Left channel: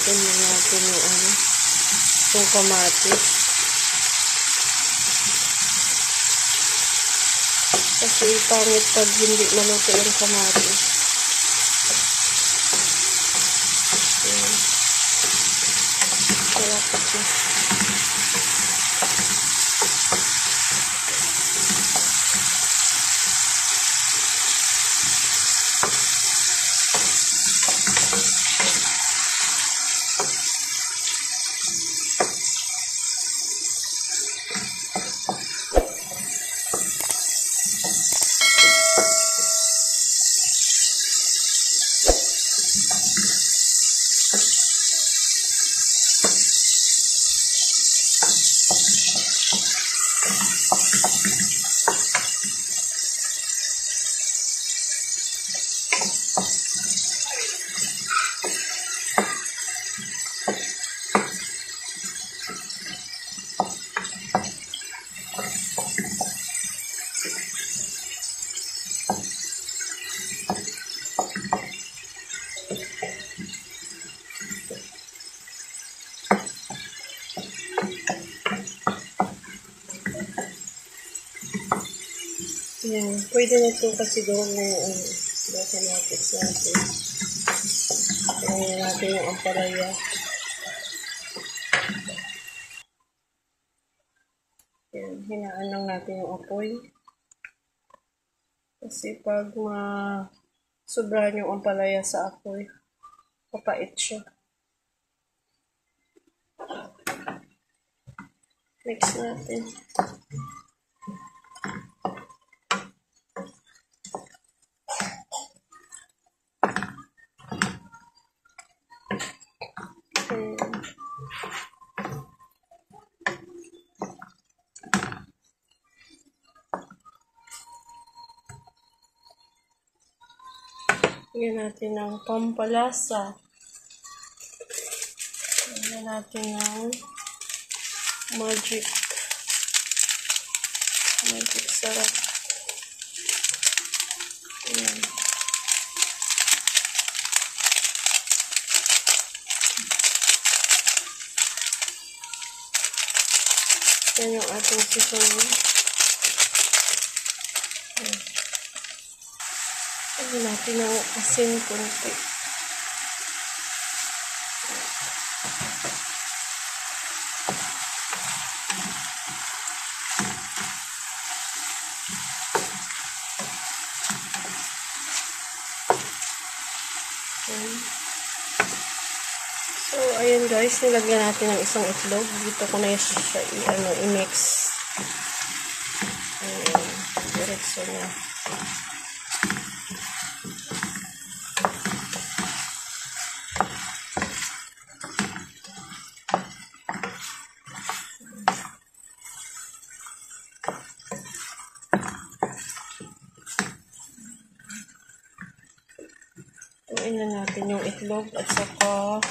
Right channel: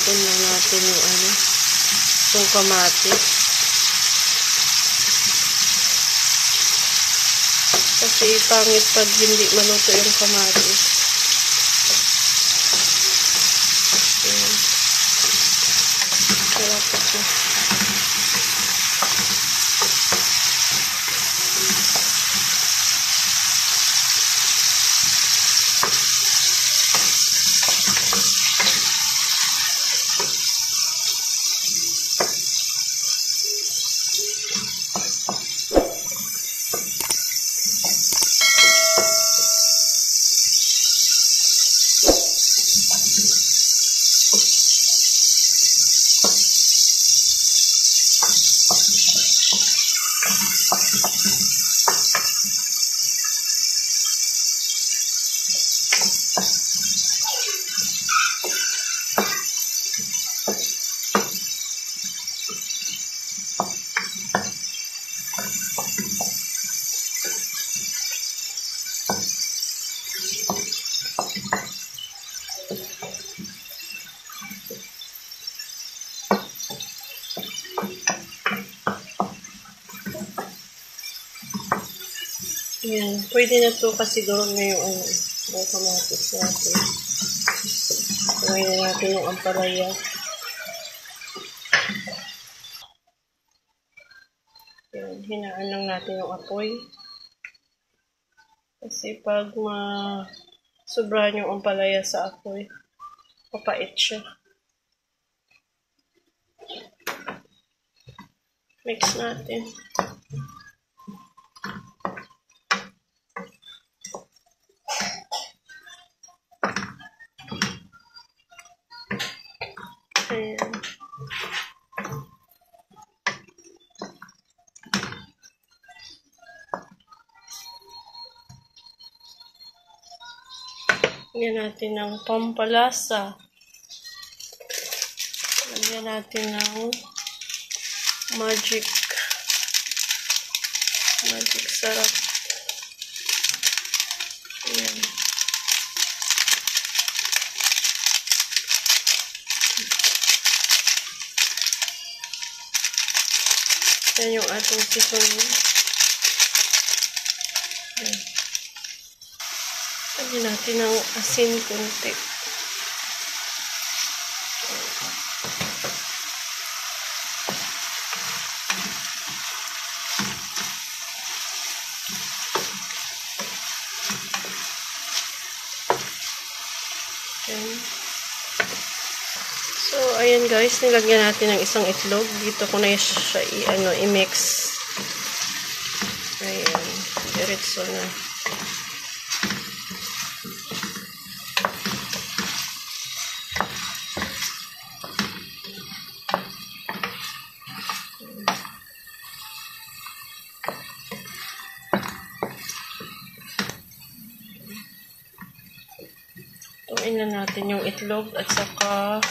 gamitin lang natin yung itong kamatis. Kasi pangit pag hindi maluto yung kamatis. Ayan. Malapit na. Yan. Pwede na ito kasi doon na yung kamatis natin. Tawin na natin yung ampalaya. Yan. Hinaan lang natin yung apoy. Kasi pag sobrahan yung ampalaya sa apoy, papait siya. Mix natin. Ayan. Lagyan natin ng pampalasa. Lagyan natin ng magic sarap. Ayan. Yan yung ating seasoning. Ayan. Lagyan natin ng asin konti. Ayan. So, ayan guys, nilagyan natin ng isang itlog. Dito ko na siya i-mix. Ayan. Diretso na. Tuin na natin yung itlog at saka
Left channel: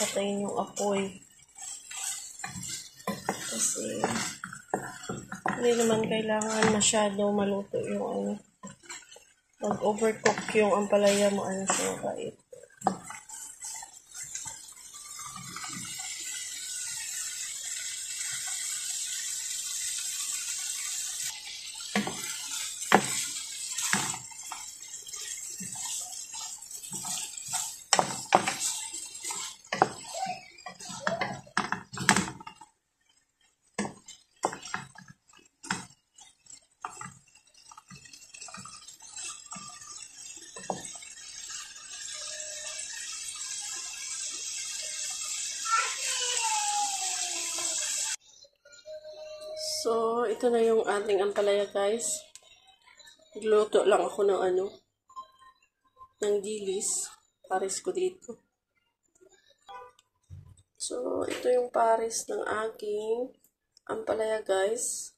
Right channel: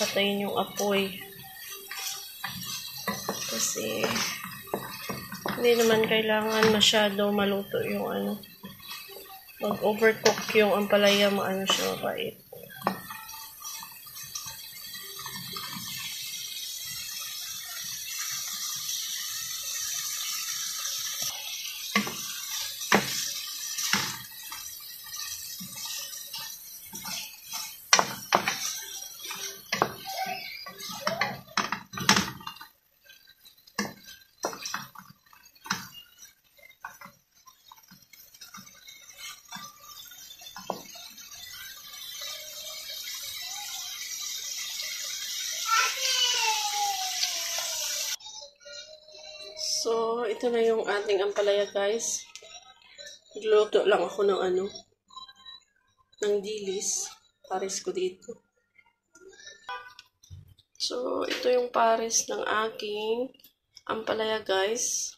patayin yung apoy. Kasi hindi naman kailangan masyado maluto yung mag-overcook yung ampalaya, siya mapait. So, ito na yung ating ampalaya guys. Nagluto lang ako ng ng dilis. Pares ko dito. So, ito yung pares ng aking ampalaya guys.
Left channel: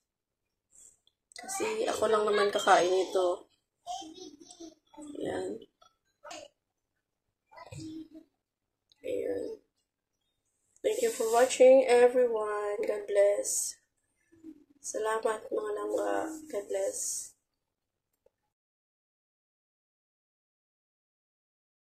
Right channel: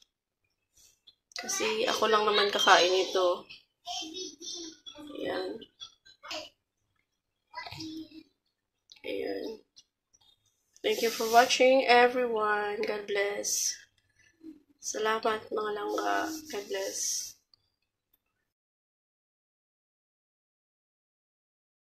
Kasi ako lang naman kakain ito. Ayan. Ayan. Thank you for watching everyone. God bless. Salamat mga langga. God bless.